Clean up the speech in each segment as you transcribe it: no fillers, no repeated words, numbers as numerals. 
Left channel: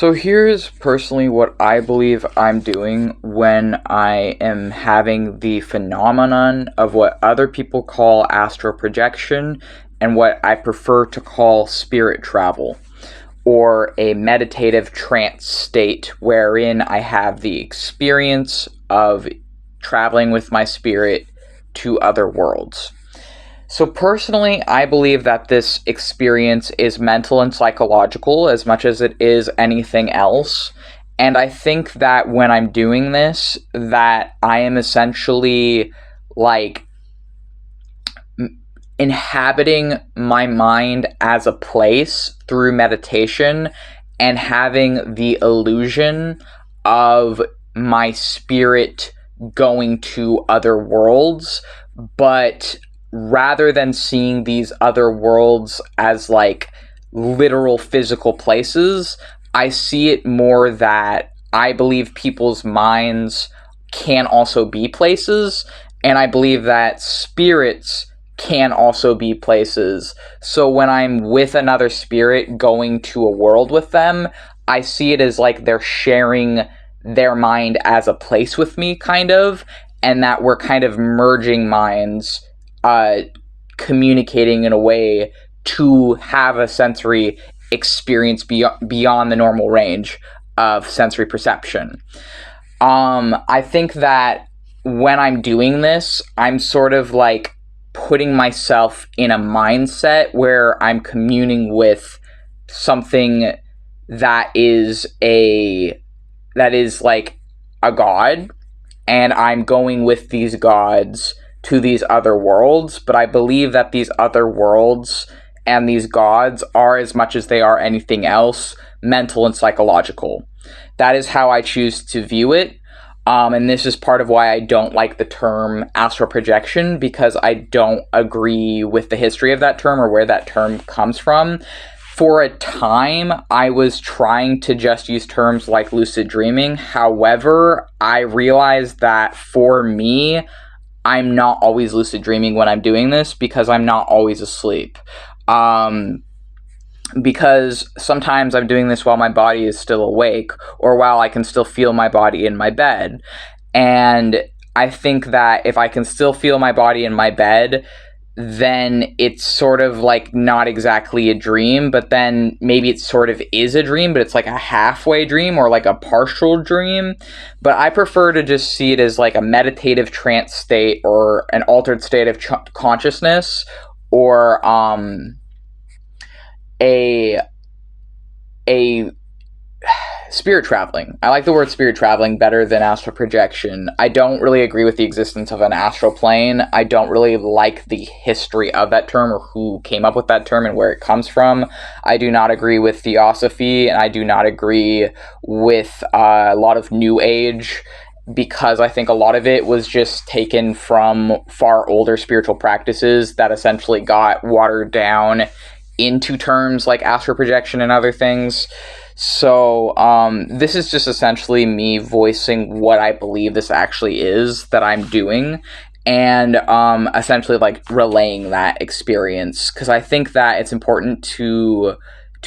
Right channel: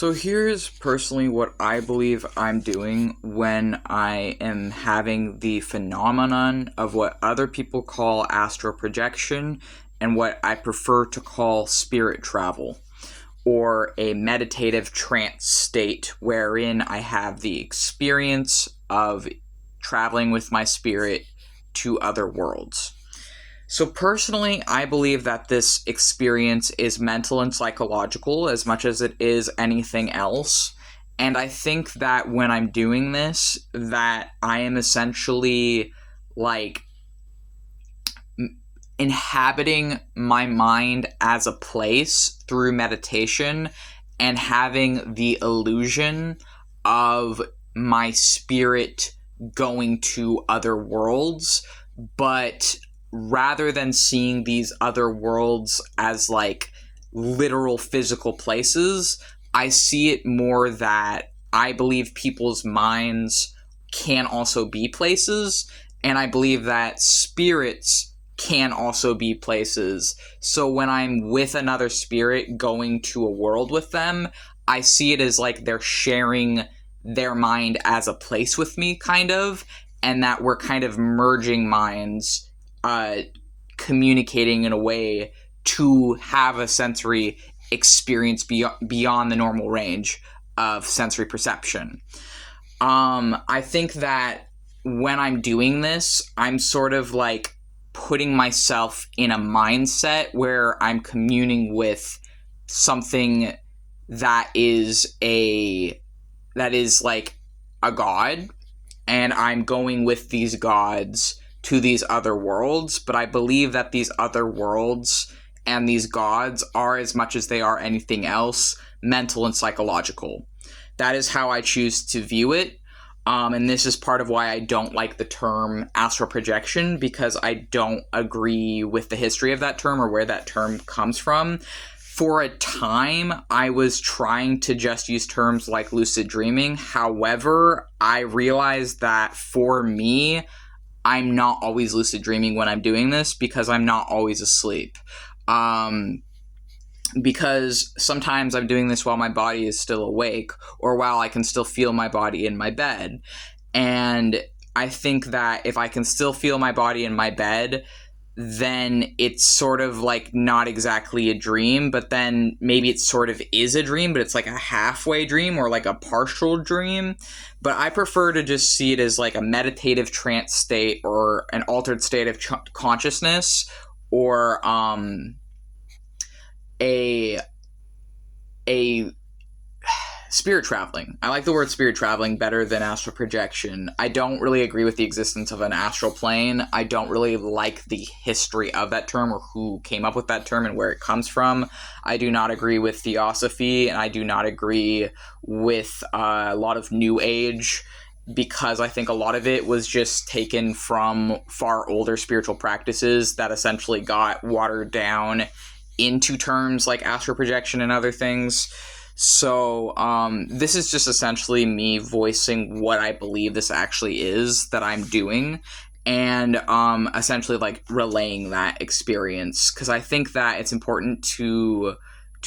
So here's personally what I believe I'm doing when I am having the phenomenon of what other people call astral projection and what I prefer to call spirit travel, or a meditative trance state wherein I have the experience of traveling with my spirit to other worlds. So personally, I believe that this experience is mental and psychological as much as it is anything else. And I think that when I'm doing this, that I am essentially like inhabiting my mind as a place through meditation and having the illusion of my spirit going to other worlds, but rather than seeing these other worlds as like literal physical places, I see it more that I believe people's minds can also be places, and I believe that spirits can also be places. So when I'm with another spirit going to a world with them, I see it as like they're sharing their mind as a place with me, kind of, and that we're kind of merging minds, communicating in a way to have a sensory experience beyond the normal range of sensory perception. I think that when I'm doing this, I'm sort of like putting myself in a mindset where I'm communing with something that is like a god, and I'm going with these gods to these other worlds, but I believe that these other worlds and these gods are, as much as they are anything else, mental and psychological. That is how I choose to view it. And this is part of why I don't like the term astral projection, because I don't agree with the history of that term or where that term comes from. For a time, I was trying to just use terms like lucid dreaming. However, I realized that for me, I'm not always lucid dreaming when I'm doing this because I'm not always asleep. Because sometimes I'm doing this while my body is still awake, or while I can still feel my body in my bed. And I think that if I can still feel my body in my bed, then it's sort of like not exactly a dream, but then maybe it sort of is a dream, but it's like a halfway dream or like a partial dream. But I prefer to just see it as like a meditative trance state or an altered state of consciousness, or a spirit traveling. I like the word spirit traveling better than astral projection. I don't really agree with the existence of an astral plane. I don't really like the history of that term or who came up with that term and where it comes from. I do not agree with theosophy, and I do not agree with a lot of New Age, because I think a lot of it was just taken from far older spiritual practices that essentially got watered down into terms like astral projection and other things. So this is just essentially me voicing what I believe this actually is that I'm doing, and essentially like relaying that experience, because I think that it's important to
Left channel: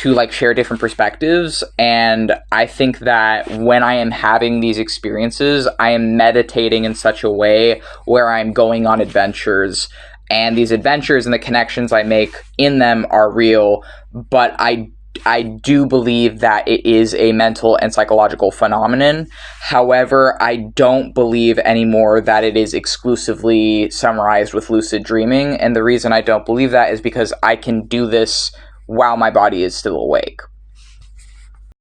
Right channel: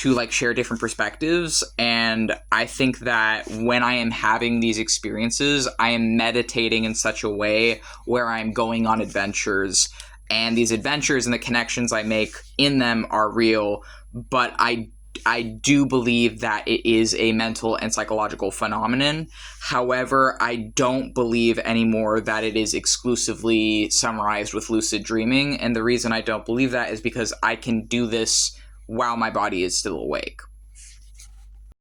like share different perspectives. And I think that when I am having these experiences, I am meditating in such a way where I'm going on adventures, and these adventures and the connections I make in them are real, but I do believe that it is a mental and psychological phenomenon. However, I don't believe anymore that it is exclusively summarized with lucid dreaming, and the reason I don't believe that is because I can do this while my body is still awake.